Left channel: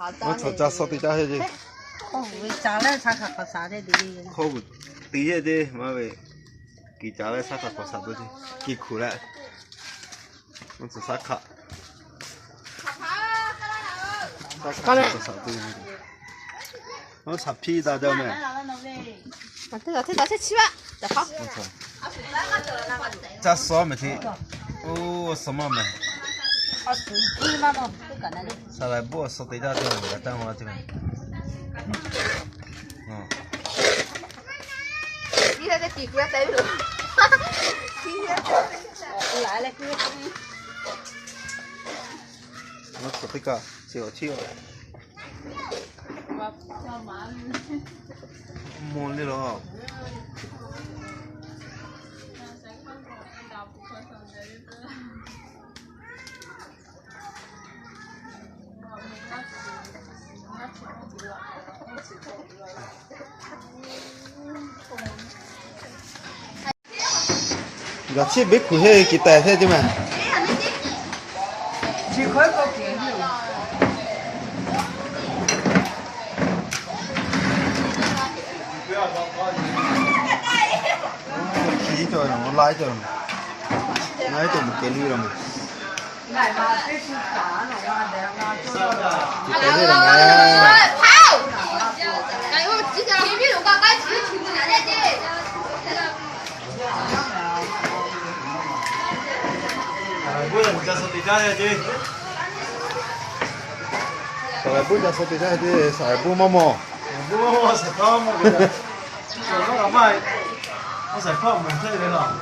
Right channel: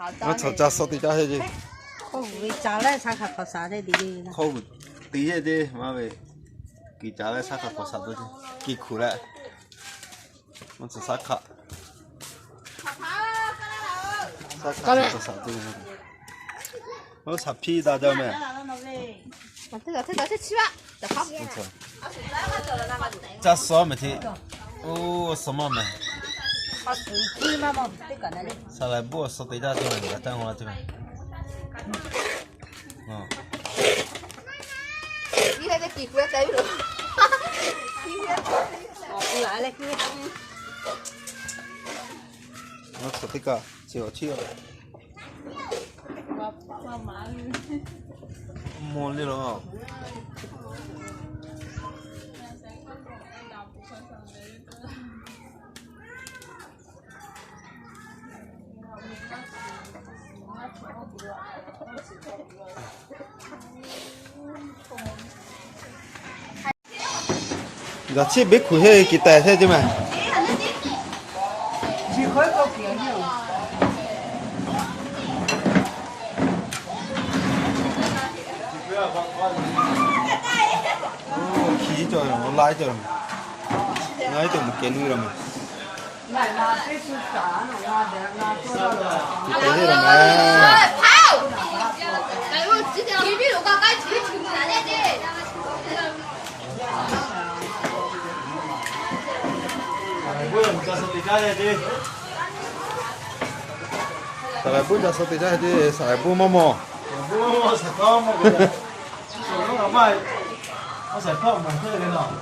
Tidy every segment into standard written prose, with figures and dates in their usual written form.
我炒炸烧的炸些的。哦，炸了才烤啥的的。烤不底下的妈喂，给炸了啥烤啥东西，给苦了。我吃啥卡？啥卡烤啥东西？我炒皮大椒没？这个吃吧，再好。我操！炸烧没听？哦，什么没？啥来不烧的炸的，我等会儿这边。嗯。你那个皮肤在不？来了，我吃这个，小气哦。摸你了。那这没苦些给带下去吗？你可以搞别的。哦，皮着了，我拉着了嘛，拉着不给你了嘛？给带下了嘛？哎呦，这个皮皮肉刚刚吃的挺难的。不能再说对家的，上来不再说对家的，上来不妈妈，不妈妈才搞么个，我他妈，我才搞么这个了。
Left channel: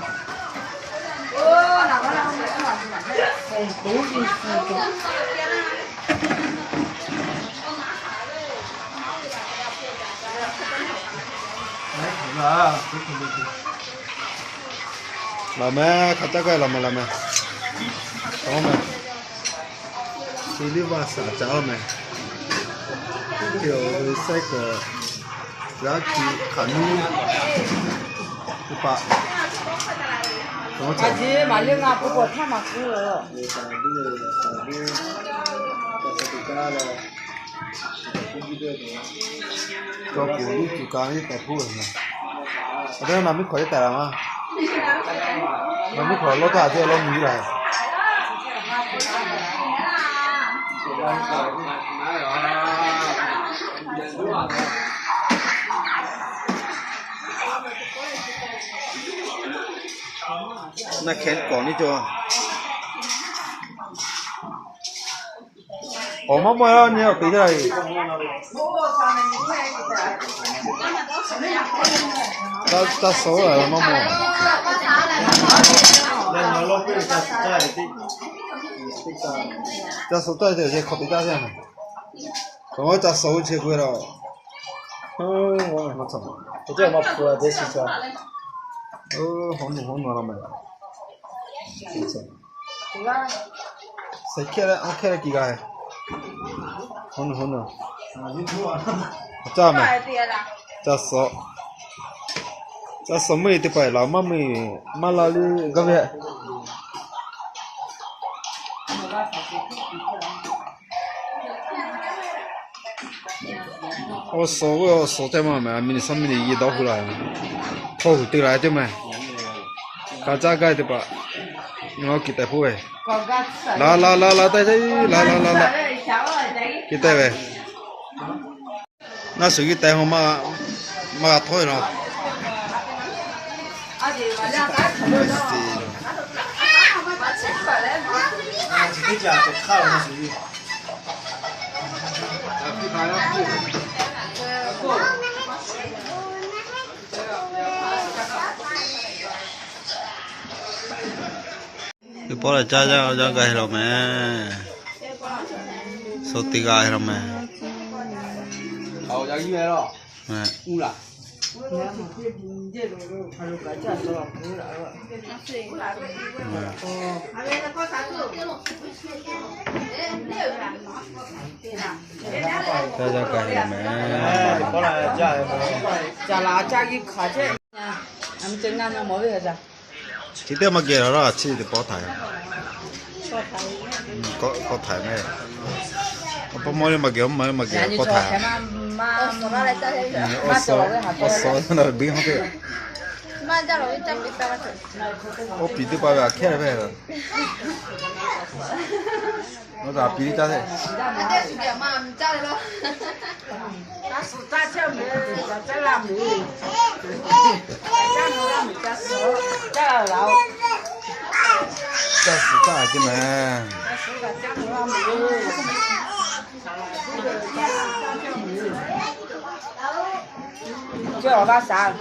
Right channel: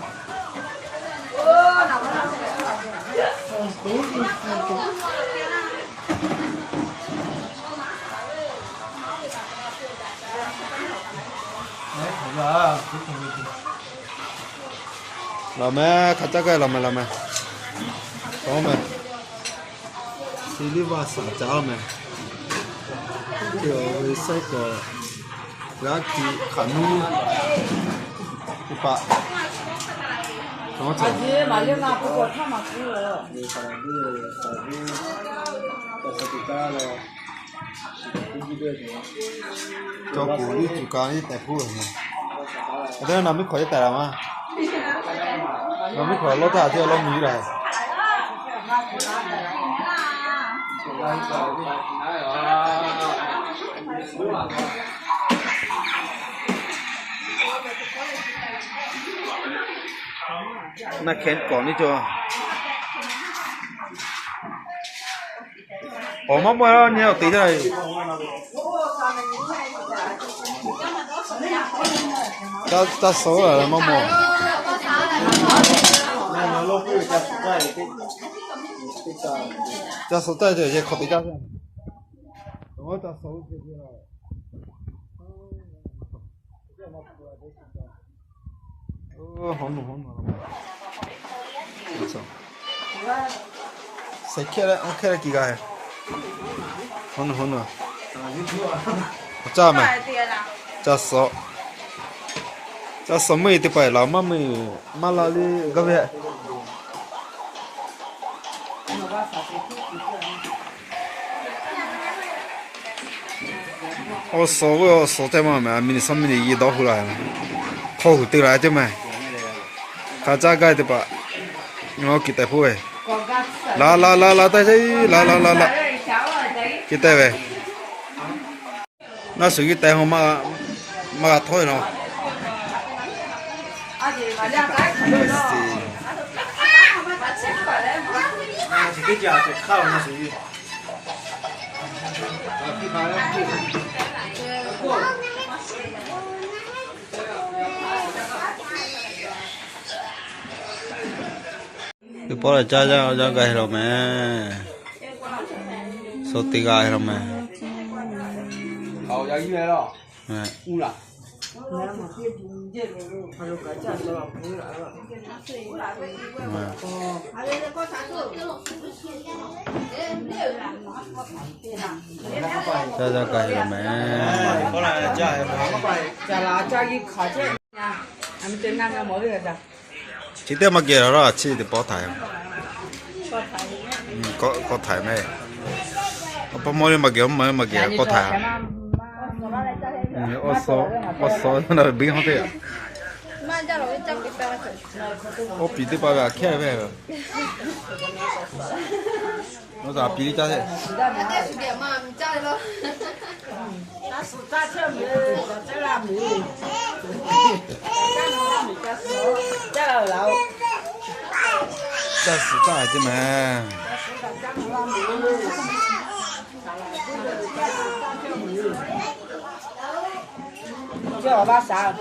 哎，好了，老妹，看这个老妹，老妹，心里话啥子了没？有这个，然后去看路，一把，怎么走？这嘛两啊，不过太嘛吃了。cho cụ đi chủ cá đi đẹp hơn này, ở đây làm mấy khỏi đẹp lắm à, làm mấy khỏi lo ta chứ lo mì này, na kén còn đi chưa, mà mua nhiều tí rồi. Ta số rồi mà mua. Ta số tay thì khó bị ta xem. Còn ta số chưa quên rồi. Nó chậm.这么破这是说，好弄了没？不错。谁开了？我开了几个还？好弄。炸没？炸少。炸什么的白老妈没马拉的个别。我说在嘛嘛，明天上面的一到回来嘛，好对来的嘛，看这个的吧，我给带回来，来，带这，来，给带回，那手机带好嘛拖了。这家就靠你属于。cái bó là cha cái rồi mẹ, số tiền cái rồi mẹ.好，要音乐了。嗯。了。加cái rồi mẹ. 过来加一个。加辣加一卡这。俺们正南的没有的。chỉ tiêu mà kia đó chỉ để bỏ thải, có thải này, 不毛的没给，毛的没给，搞谈。手拿来照下去。我烧那没好的。妈叫了，我叫别别我比的爸爸开呗。我咋比的家的？那这是点嘛？叫的咯。那是大条米，在拉米。叫老。这是咋的嘛？叫我把啥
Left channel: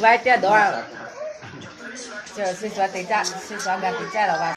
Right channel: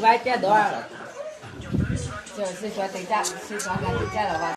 ？500点多啊！就是说等价，是说个等价了吧？